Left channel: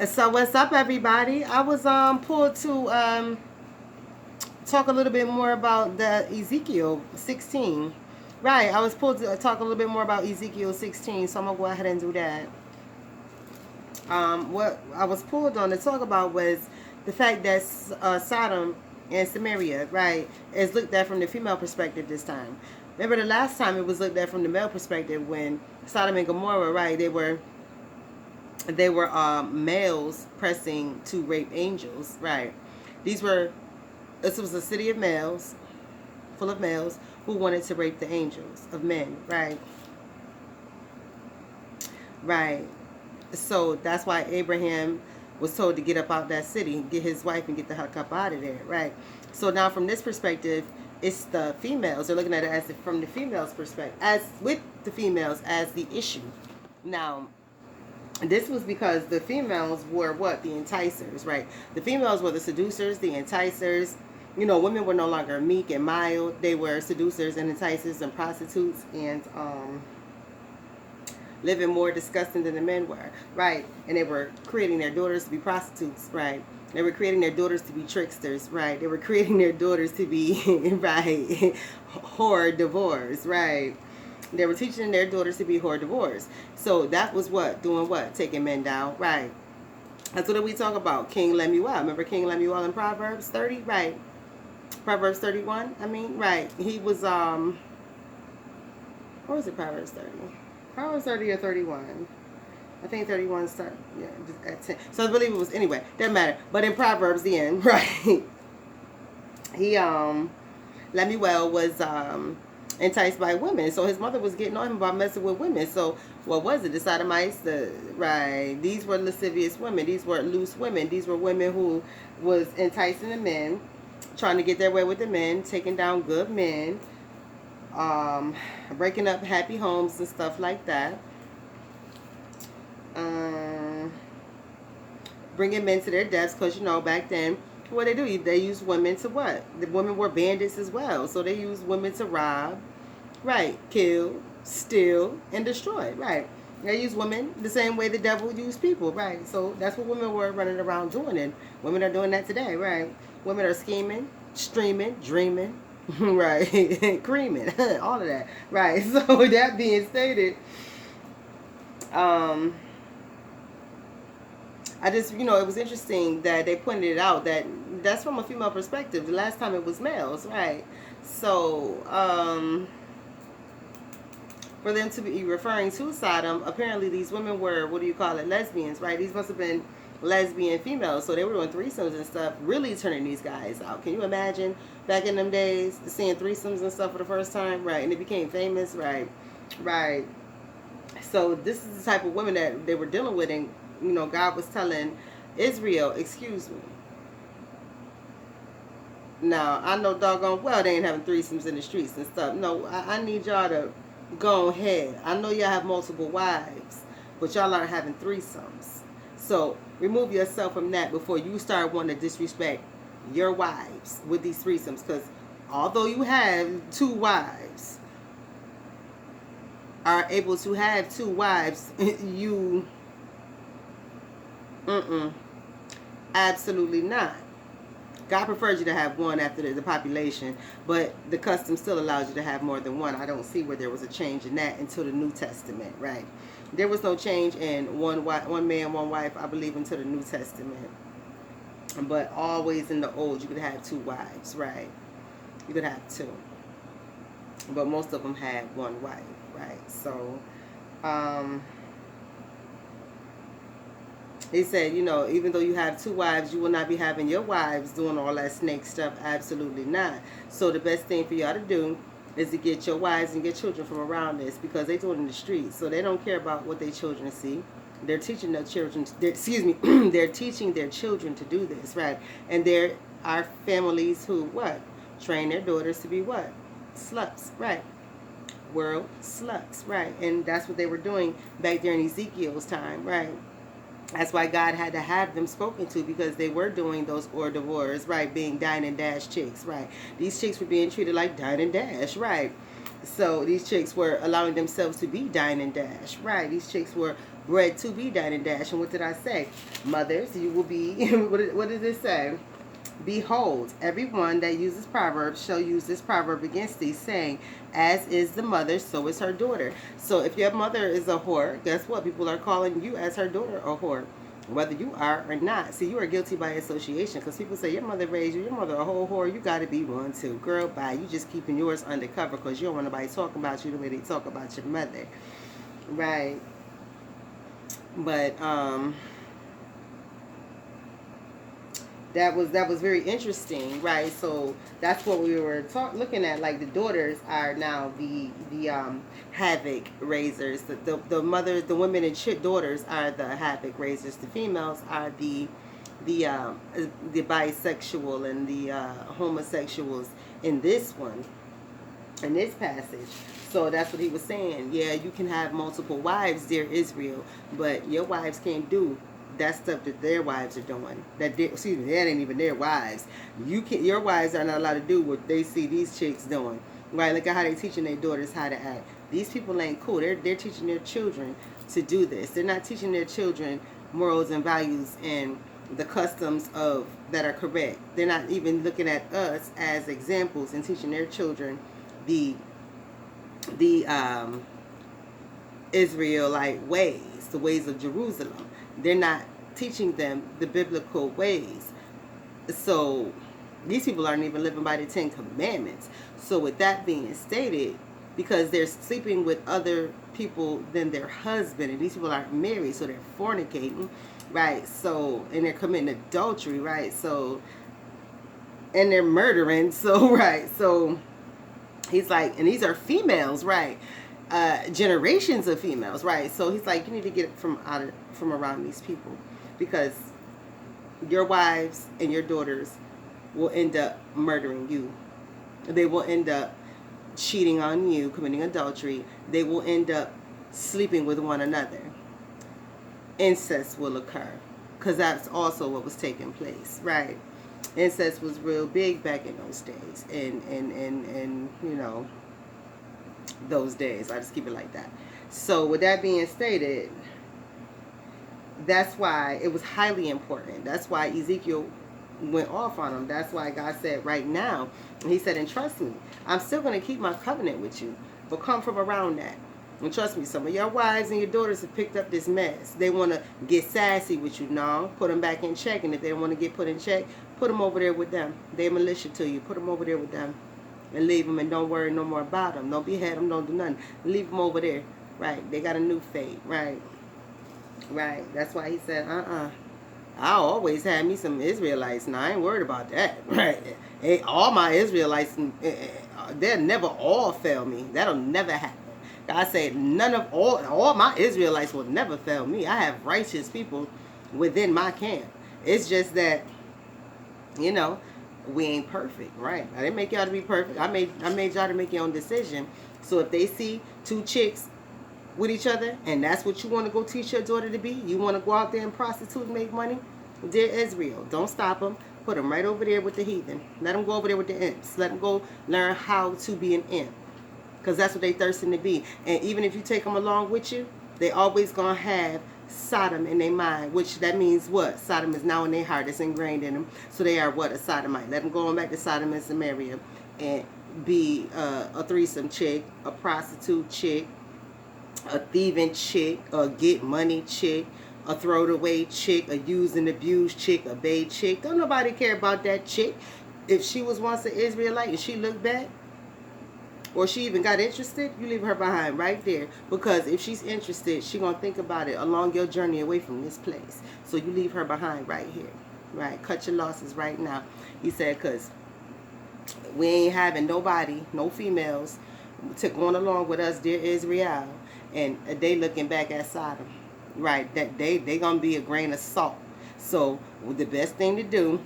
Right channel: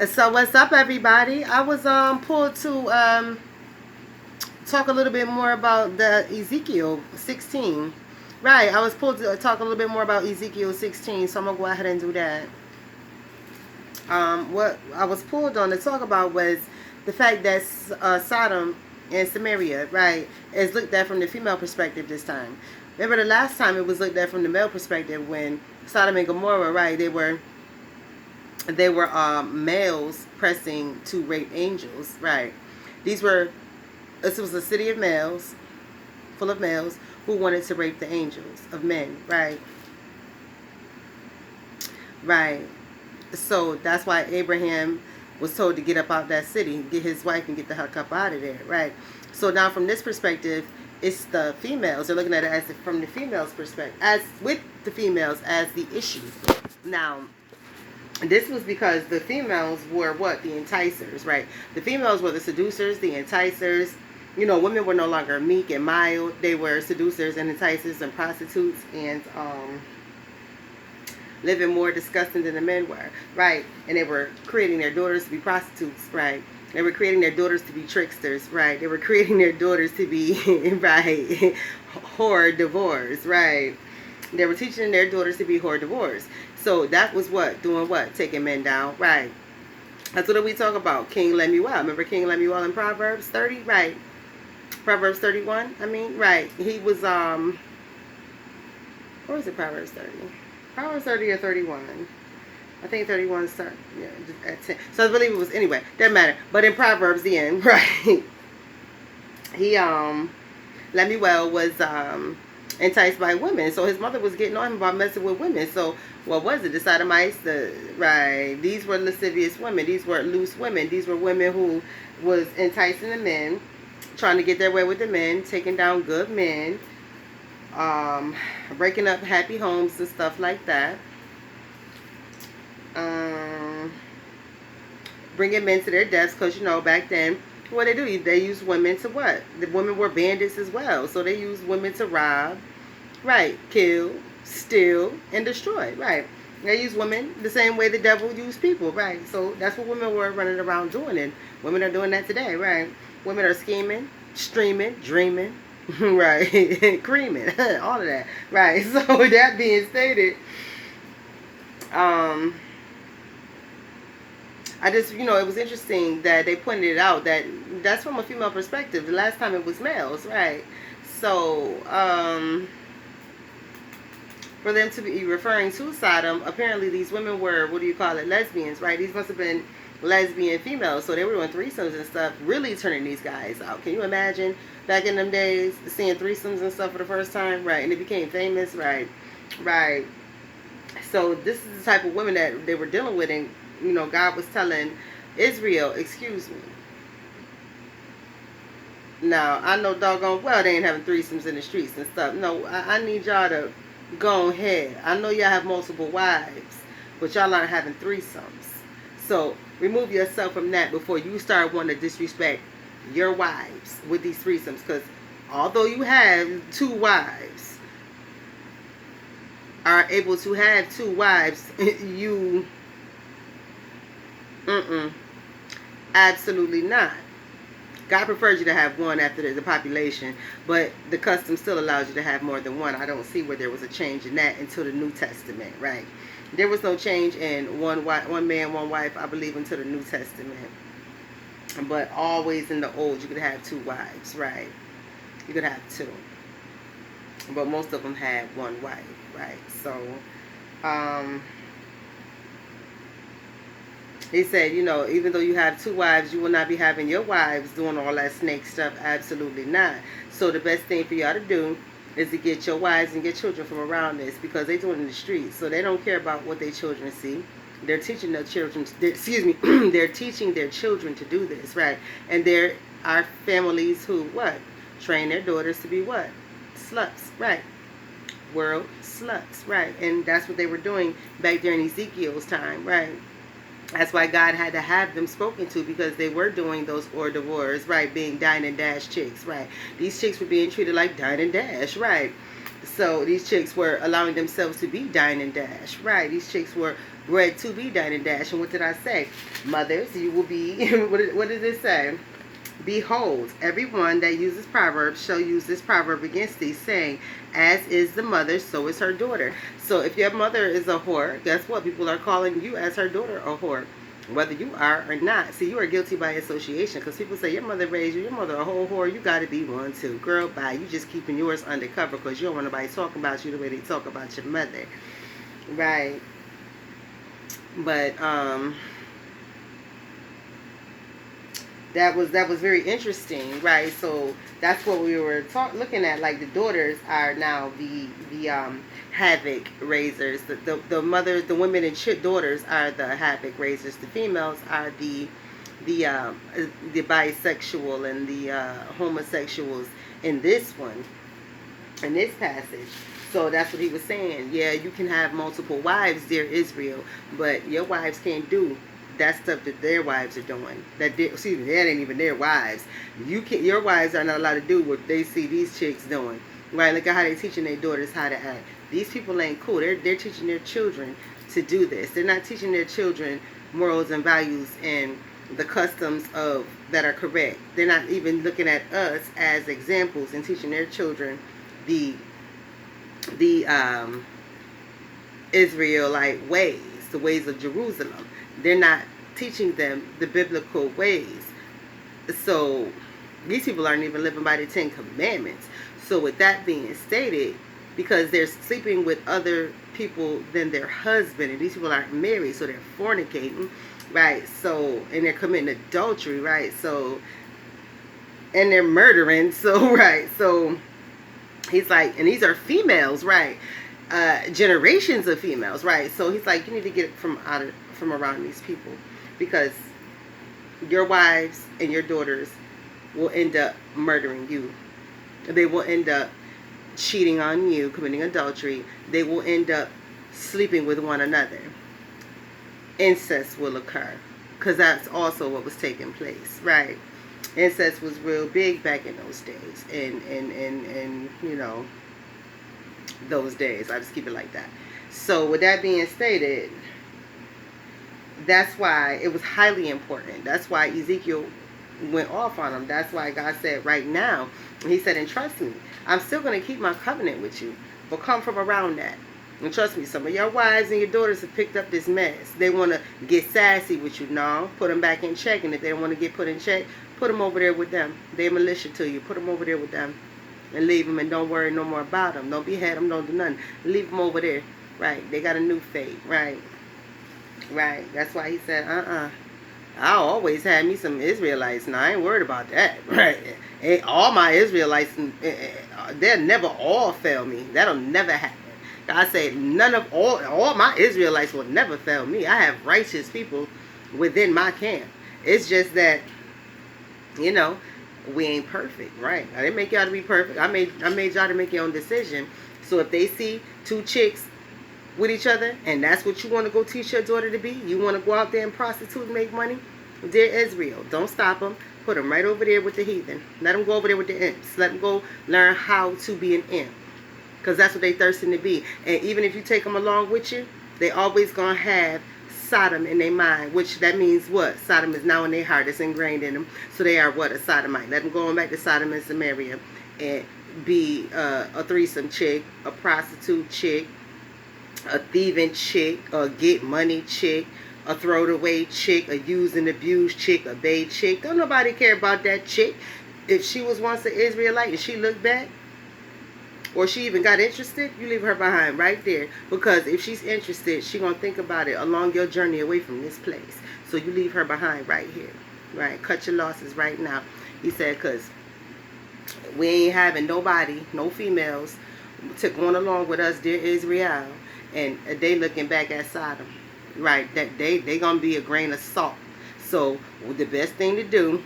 So what's up, everybody? I was pulled to talk a little bit more about the Ezekiel 16. Right, I was pulled to talk a little bit more about Ezekiel 16, so I'm gonna go ahead and do that. What I was pulled on to talk about was the fact that Sodom and Samaria, right, is looked at from the female perspective this time. Remember the last time it was looked at from the male perspective when Sodom and Gomorrah, right, they were males pressing to rape angels, right? These were This was a city of males, full of males who wanted to rape the angels of men, right? Right. So that's why Abraham was told to get up out that city, get his wife, and get the heck up out of there, right? So now, from this perspective, it's the females. They're looking at it as from the females' perspective, as with the females as the issue. Now, this was because the females were what? The enticers, right? The females were the seducers, the enticers. Women were no longer meek and mild. They were seducers and enticers and prostitutes and living more disgusting than the men were, right? And they were creating their daughters to be prostitutes, right? They were creating their daughters to be tricksters, right? They were creating their daughters to be, right, whore divorce, right? They were teaching their daughters to be whore divorce. So that was what? Doing what? Taking men down, right? That's what we talk about. King Lemuel. Remember King Lemuel in Proverbs 30? Right. Proverbs 31, I mean, right. He was, or is it Proverbs 30? Proverbs 30 or 31. I think 31 start, yeah, at 10. So I believe it was, anyway, doesn't matter. But in Proverbs, the end, right. He, Lemuel was, enticed by women. So his mother was getting on him about messing with women. So what was it? The Sodomites, right. These were lascivious women. These were loose women. These were women who was enticing the men, trying to get their way with the men, taking down good men, breaking up happy homes and stuff like that. Bringing men to their deaths because, back then, what they do, they use women to what? The women were bandits as well. So they used women to rob, right, kill, steal, and destroy, right. They use women the same way the devil used people, right. So that's what women were running around doing, and women are doing that today, right. Women are scheming, streaming, dreaming, right, creaming, all of that, right. So that being stated, I just, it was interesting that they pointed it out that that's from a female perspective. The last time it was males, right? So, for them to be referring to Sodom, apparently these women were, what do you call it, lesbians, right? These must have been lesbian females. So they were doing threesomes and stuff, really turning these guys out. Can you imagine back in them days seeing threesomes and stuff for the first time, right? And it became famous, right? Right. So this is the type of women that they were dealing with, and God was telling Israel, excuse me. Now, I know doggone well they ain't having threesomes in the streets and stuff. No, I need y'all to go ahead. I know y'all have multiple wives, but y'all aren't having threesomes. So remove yourself from that before you start wanting to disrespect your wives with these threesomes. Because although you have two wives, are able to have two wives, you, absolutely not. God preferred you to have one after the population, but the custom still allows you to have more than one. I don't see where there was a change in that until the New Testament, right? There was no change in one man, one wife, I believe, until the New Testament. But always in the old, you could have two wives, right? You could have two. But most of them had one wife, right? So, he said, even though you have two wives, you will not be having your wives doing all that snake stuff. Absolutely not. So the best thing for y'all to do is to get your wives and get children from around this, because they do it in the streets. So they don't care about what their children see. They're teaching their children, they're teaching their children to do this, right? And there are families who, what? Train their daughters to be what? Sluts, right? World sluts, right? And that's what they were doing back during Ezekiel's time, right? That's why God had to have them spoken to, because they were doing those hors d'oeuvres, right? Being dine and dash chicks, right? These chicks were being treated like dine and dash, right? So these chicks were allowing themselves to be dine and dash, right? These chicks were bread to be dine and dash. And what did I say? Mothers, you will be, what did it say? Behold, everyone that uses proverbs shall use this proverb against thee, saying, as is the mother, so is her daughter. So if your mother is a whore, guess what? People are calling you as her daughter a whore, whether you are or not. See, you are guilty by association, because people say your mother raised you, your mother a whole whore, you got to be one too. Girl, bye. You just keeping yours undercover because you don't want nobody talking about you the way they talk about your mother. Right. But, that was very interesting, right? So that's what we were looking at. Like the daughters are now the havoc raisers. The mother, the women and daughters are the havoc raisers. The females are the bisexual and the homosexuals in this one, in this passage. So that's what he was saying. Yeah, you can have multiple wives, dear Israel, but your wives can't do that stuff that their wives are doing. That ain't even their wives. Your wives are not allowed to do what they see these chicks doing. Right? Look at how they're teaching their daughters how to act. These people ain't cool. They're teaching their children to do this. They're not teaching their children morals and values and the customs of that are correct. They're not even looking at us as examples and teaching their children the Israelite ways, the ways of Jerusalem. They're not teaching them the biblical ways. So these people aren't even living by the 10 Commandments. So with that being stated, because they're sleeping with other people than their husband, and these people aren't married, so they're fornicating, right? So, and they're committing adultery, right? So, and they're murdering, so, right? So he's like, and these are females, right? Generations of females, right? So he's like, you need to get from around these people, because your wives and your daughters will end up murdering you. They will end up cheating on you, committing adultery. They will end up sleeping with one another. Incest will occur, because that's also what was taking place, right? Incest was real big back in those days, and you know, those days. I just keep it like that. So with that being stated, that's why it was highly important. That's why Ezekiel went off on him. That's why God said right now, he said, and trust me, I'm still going to keep my covenant with you, but come from around that. And trust me, some of your wives and your daughters have picked up this mess. They want to get sassy with you. No, put them back in check. And if they don't want to get put in check, put them over there with them. They're militia to you. Put them over there with them. And leave them, and don't worry no more about them. Don't behead them, don't do nothing. Leave them over there. Right. They got a new fate. Right. Right. That's why he said, I always had me some Israelites. Now, I ain't worried about that. Right. All my Israelites, they'll never all fail me. That'll never happen. God said, all my Israelites will never fail me. I have righteous people within my camp. It's just that, you know, we ain't perfect, right? I didn't make y'all to be perfect. I made y'all to make your own decision. So if they see two chicks with each other, and that's what you want to go teach your daughter to be, you want to go out there and prostitute and make money, dear Israel, don't stop them. Put them right over there with the heathen. Let them go over there with the imps. Let them go learn how to be an imp, because that's what they thirsting to be. And even if you take them along with you, they always gonna have Sodom in their mind, which that means what? Sodom is now in their heart. It's ingrained in them. So they are what? A sodomite. Let them go on back to Sodom and Samaria and be a threesome chick, a prostitute chick, a thieving chick, a get money chick, a throw it away chick, a use and abuse chick, a babe chick. Don't nobody care about that chick. If she was once an Israelite and she looked back, or she even got interested, you leave her behind right there. Because if she's interested, she's going to think about it along your journey away from this place. So you leave her behind right here. Right? Cut your losses right now. He said, because we ain't having nobody, no females, going along with us, dear Israel. And they looking back at Sodom. Right? That they going to be a grain of salt. So the best thing to do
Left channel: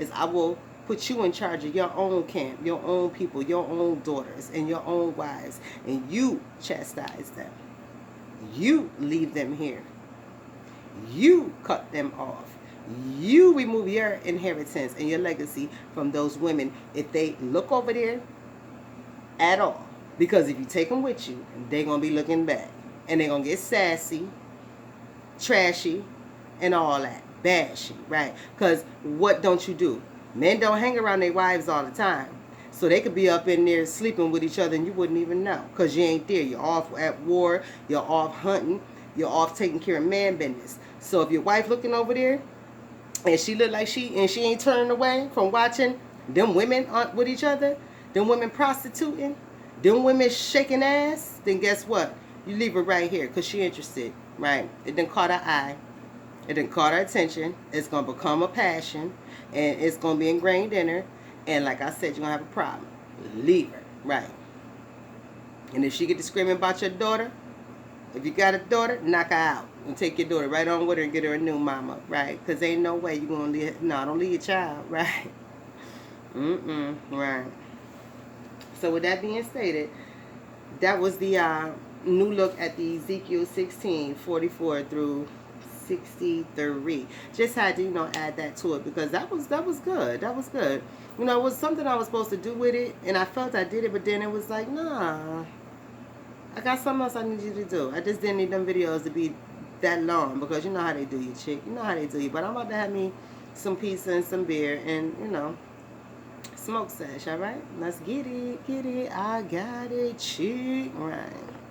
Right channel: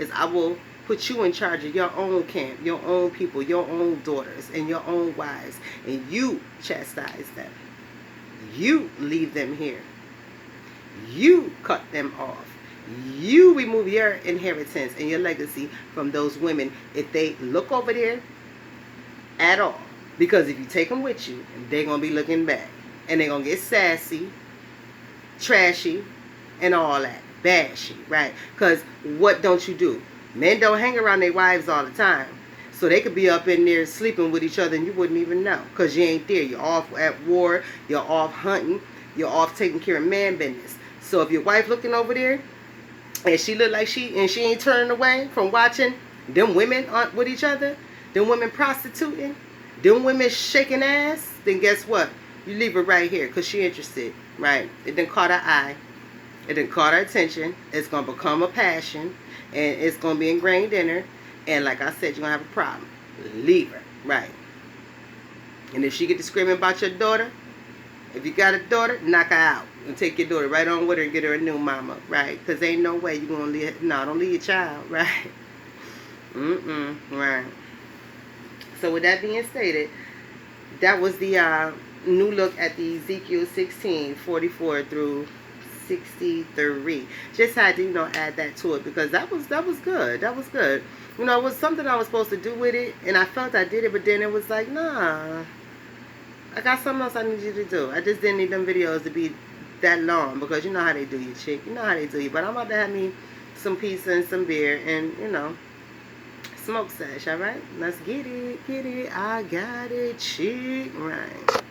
is I will put you in charge of your own camp, your own people, your own daughters, and your own wives. And you chastise them. You leave them here. You cut them off. You remove your inheritance and your legacy from those women if they look over there at all. Because if you take them with you, they're going to be looking back. And they're going to get sassy. trashy, and all that. Bashy, right? Because what don't you do? Men don't hang around their wives all the time. So they could be up in there sleeping with each other and you wouldn't even know. Because you ain't there. You're off at war. You're off hunting. You're off taking care of man business. So if your wife looking over there and she look like she ain't turning away from watching them women with each other, them women prostituting, them women shaking ass, then guess what? You leave her right here because she interested, right? It done caught her eye. It done caught her attention. It's going to become a passion, and it's going to be ingrained in her. And like I said, you're going to have a problem. Leave her, right? And if she get to screaming about your daughter, if you got a daughter, knock her out. And take your daughter right on with her and get her a new mama, right? Because ain't no way you're going to leave, no, don't leave your child, right? Right. So with that being stated, that was the new look at the Ezekiel 16, 44 through 63. Just had to, add that to it because that was good. That was good. It was something I was supposed to do with it, and I felt I did it, but then it was like, nah, I got something else I need you to do. I just didn't need them videos to be that long because you know how they do you, chick. You know how they do you. But I'm about to have me some pizza and some beer and, smoke sesh, all right? Let's get it. I got it, chick. Right.